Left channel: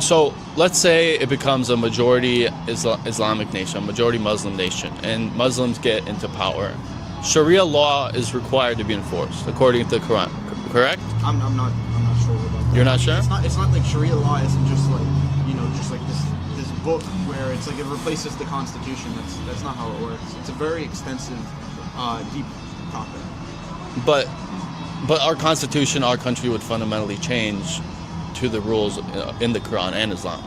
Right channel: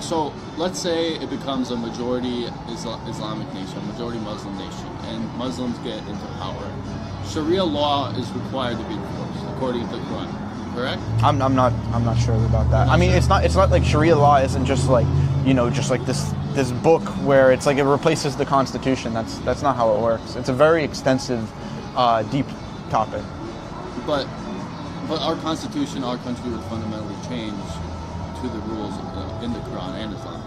So let's say it becomes a majority Islamic nation, a majority Muslim nation, and Muslims get into power. Sharia law is required to be enforced according to the Quran, correct? I'm not sure about that. You're not I mean, sure? it's not like Sharia law isn't just like, just like this book where it's like it replaces the Constitution. That's not how it works. It's a very extensive, deep topic. But our constitution, our country would fundamentally change to the rules in the Quran and Islam.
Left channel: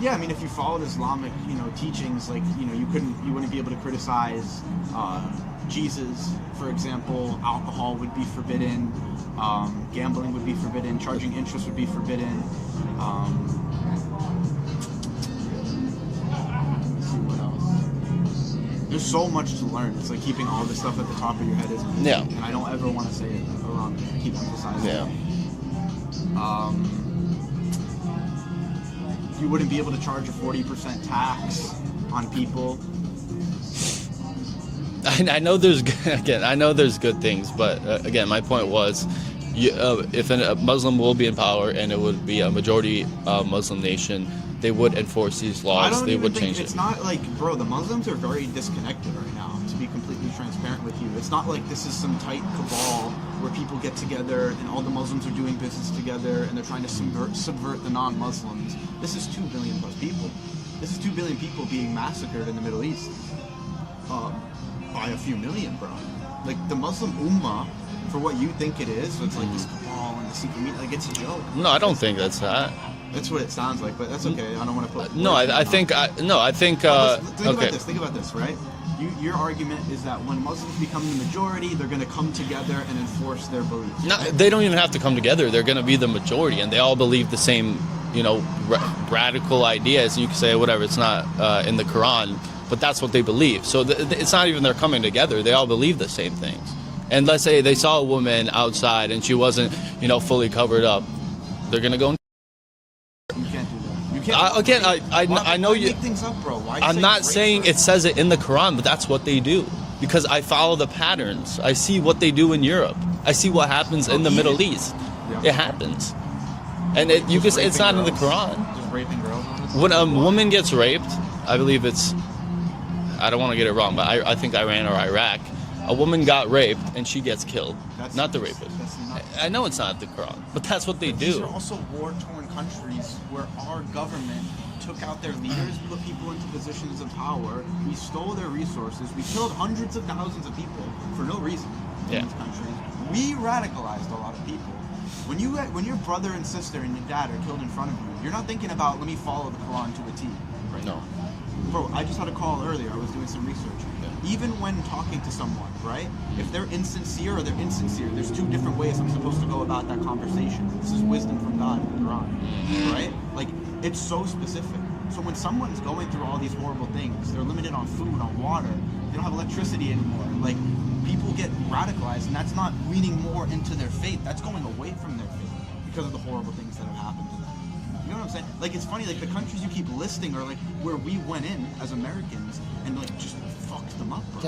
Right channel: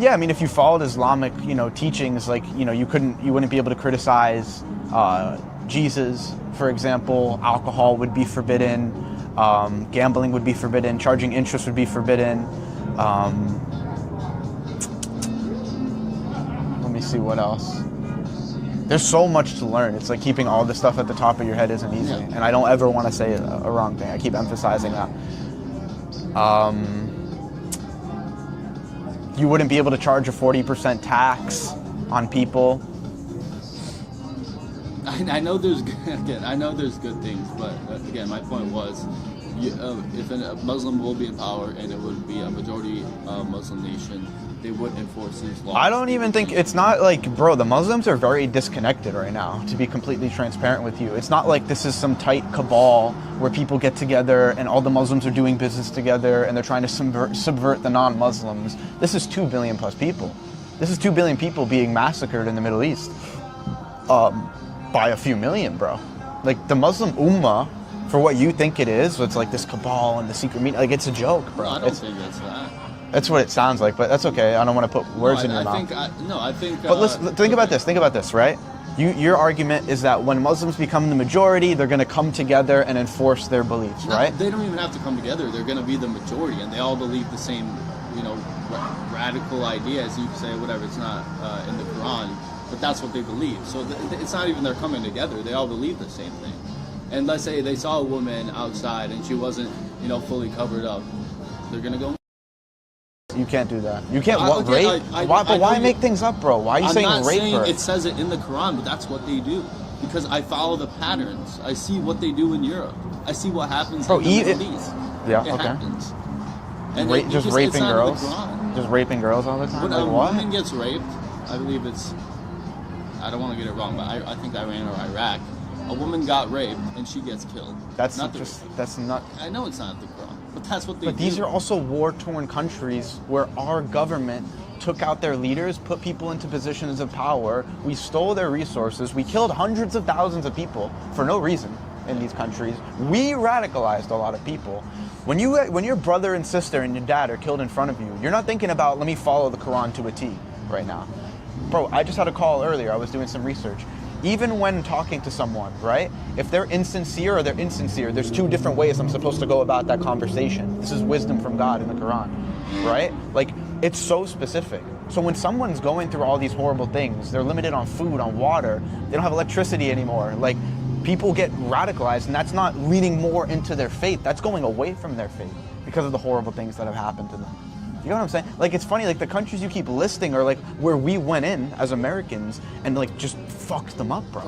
Yeah, I mean, if you followed Islamic, teachings, like, you wouldn't be able to criticize Jesus, for example. Alcohol would be forbidden. Gambling would be forbidden. Charging interest would be forbidden. Let me see what else. There's so much to learn. It's like keeping all this stuff at the top of your head isn't easy. Yeah. And I don't ever want to say a wrong thing. I keep emphasizing that. You wouldn't be able to charge a 40% tax on people. I know there's good things, but again, my point was, if a Muslim will be in power and it would be a majority Muslim nation, they would enforce these laws. I don't even think it's not like, bro, the Muslims are very disconnected right now, to be completely transparent with you. It's not like this is some tight cabal where people get together and all the Muslims are doing business together and they're trying to subvert the non-Muslims. This is 2 billion plus people. This is 2 billion people being massacred in the Middle East by a few million, bro. Like, the Muslim Ummah, for what you think it is, it's like this cabal and the secret meeting, like, it's a joke, bro. No, I don't think that's that. That's what it sounds like, but that's okay. I don't want to put words in your mouth. I think. But think about this. Think about this, right? Your argument is that when Muslims become the majority, they're going to come together and enforce their beliefs, right? They don't even have to come together. They're going to be the majority, and they all believe the same, radical ideas. You can say whatever. It's not in the Quran, but that's what they believe. So it's not even they're coming together. They all believe the same things. And let's say they saw a woman outside and she wasn't, fully covered up. They're going to go. You can't do that. You can't again, rape. Why make things up, bro? Why are you I'm saying not rape saying first? it says it in the Quran, but that's what they do. Because I follow the patterns. I see what they do in Europe. I see what happens in the Middle East. Yeah, it happens. And you can say it's not in the Quran. Just raping girls all the time? When a woman gets raped, I believe it's, I don't want to get it wrong, but I think Iran or Iraq, a woman got raped and she gets killed. That's not the rapist. That's not. I know it's not the Quran, but that's what they do. These are also war-torn countries where our government took out their leaders, put people into positions of power. We stole their resources. We killed hundreds of thousands of people for no reason in these countries. We radicalized a lot of people. When your brother and sister and your dad are killed in front of you, you're not thinking about, let me follow the Quran to a T right now. Bro, I just had a call earlier. I was doing some research. Even when talking to someone, right? If they're insincere or they're insincere, there's 2 different ways I'm supposed to go about that conversation. This is wisdom from God in the Quran, right? Like, it's so specific. So when someone's going through all these horrible things, they're limited on food, on water, they don't have electricity anymore. Like, people get radicalized, and that's not leading more into their faith. That's going away from their faith because of the horrible things that have happened to them. You know what I'm saying? Like, it's funny, like, the countries you keep listing are, like, where we went in as Americans and, like, just fucked them up, bro.